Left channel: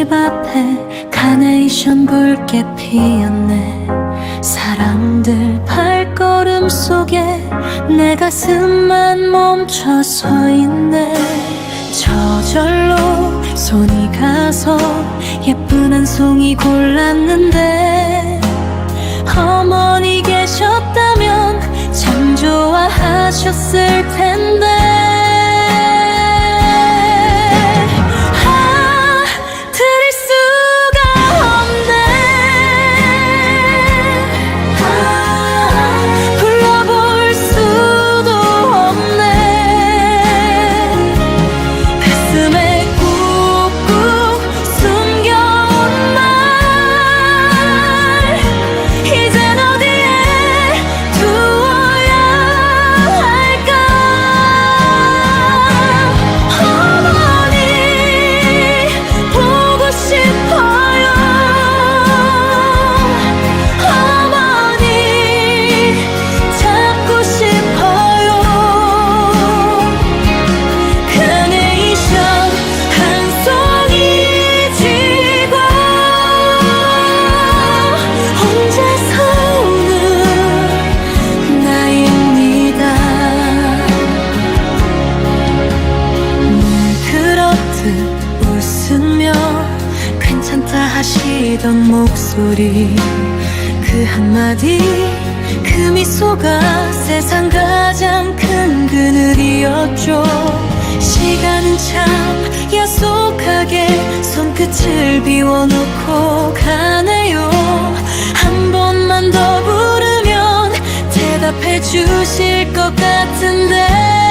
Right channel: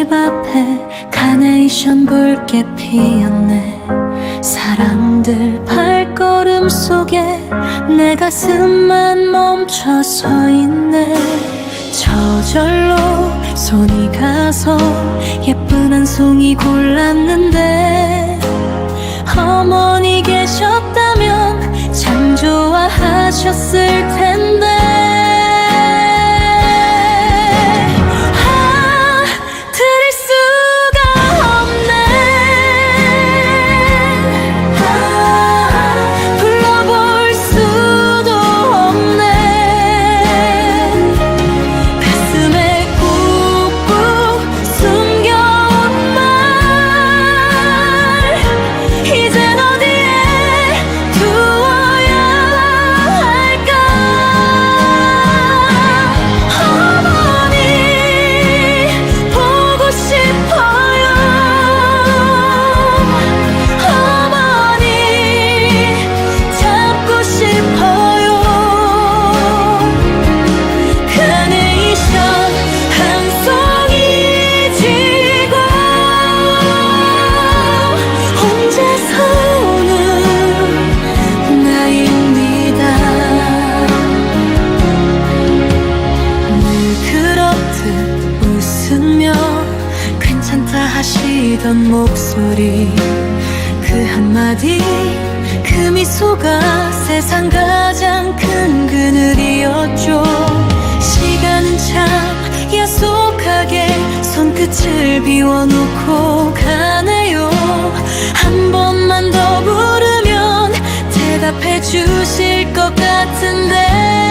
꽃집 앞에 카네이션 붉게 피었네. 사람들 발걸음 속에 내 가슴만 멈춰 서 있네. 저절로 손이 가서 예쁜 한 송이 골랐는데 어머니 계셨다면 참 좋아하셨을 텐데 괜찮다 하시던 목소리 그 한마디 그 미소가 세상 가장 큰 그늘이었죠. 시간은 참 야속하게 손끝을 비워놓고 가네요. 한 번만 더 부르면 대답해 주실 것 같은데